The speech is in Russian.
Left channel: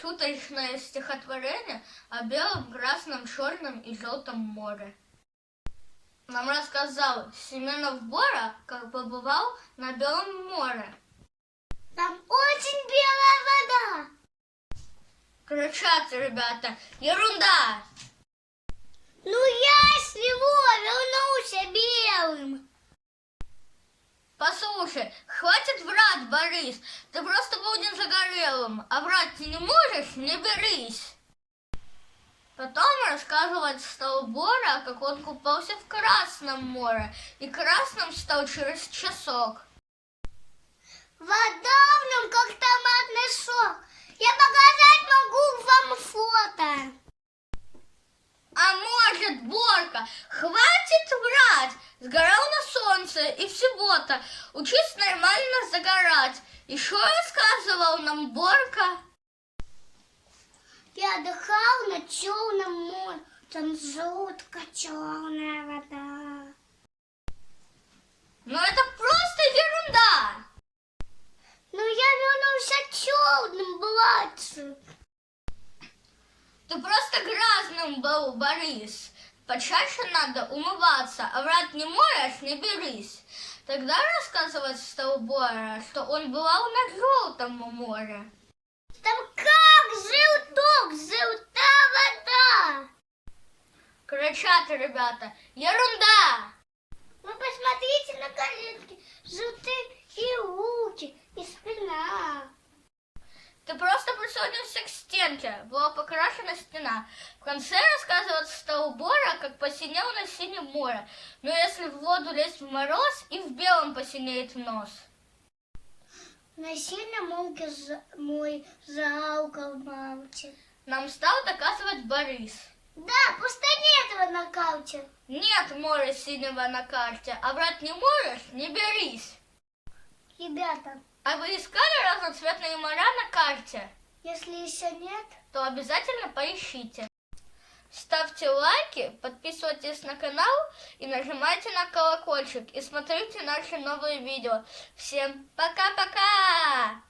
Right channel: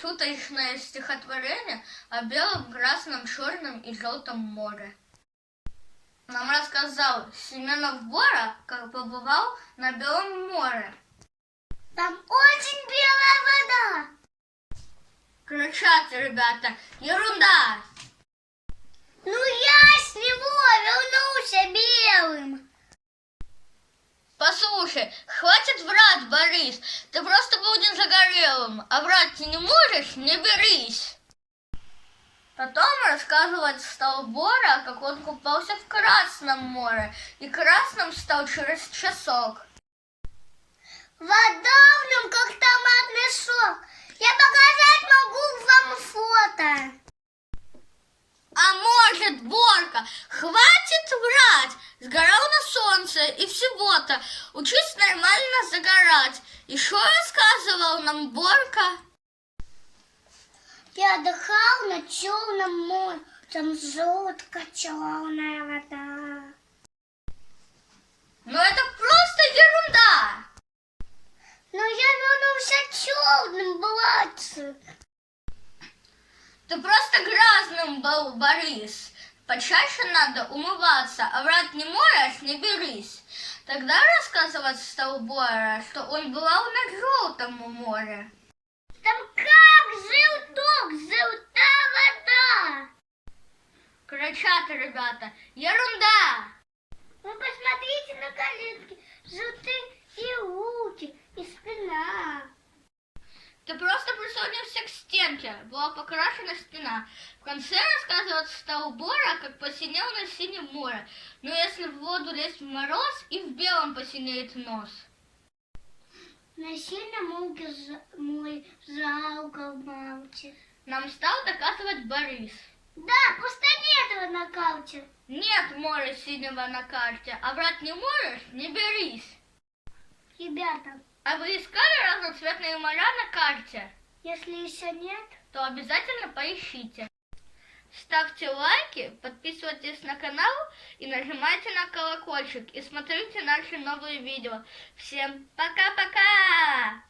шуточное стихотворение о белом, красном, черном и желтом море. Нам рассказал Семенов Бора, как побывал на Белом море. Там очень белая вода. Кричат ребята: ерунда! Ну я с него вернулся белым. Послушай, хватит врать, Борис, ты просто был не загорелым, а врать ты не можешь, не берись. Потом рассказывать стал Бора, как он купался в Красном море, и красным стал через часок. Вода в нем как томатный сок. Я показать могу вам фото. А может, Борка, хватит врать, сгорал на солнце и в субботу, учись нормально загорать. Еще рассказывал нам Борка. Я отдыхал на черном море, там жутко черная вода. Но это просто ерунда. Но я вернулся черным платьем. Ты просто грязным был, Борис. Почаще надо умываться, а врать не можешь, не берись. Тогда рассказывать стал Бора, что он бывал на Желтом море. Там как желток, желтая вода. Кричат ребята: ерунда! Вы посмотрите на коленки, желтые и руки, и спина. Ты просто прислонился к стенке, была покрашена стена. В конце рассказывать стал Бора, как посинел на синем море. Но если в воду лезть в мороз, и в белом посинеет нос. На синем мой жалко молчит. Нам стал доказывать Борис. Да, просто нет его на карте. Нет моря синего на карте, а врать не можешь, не берись. Ребята, А вы искали разноцветные моря на карте? если еще нет, То обязательно поищите. Ставьте лайки, подписывайтесь на канал и нажимайте на колокольчик. И смотрите наши новые видео. Всем пока-пока!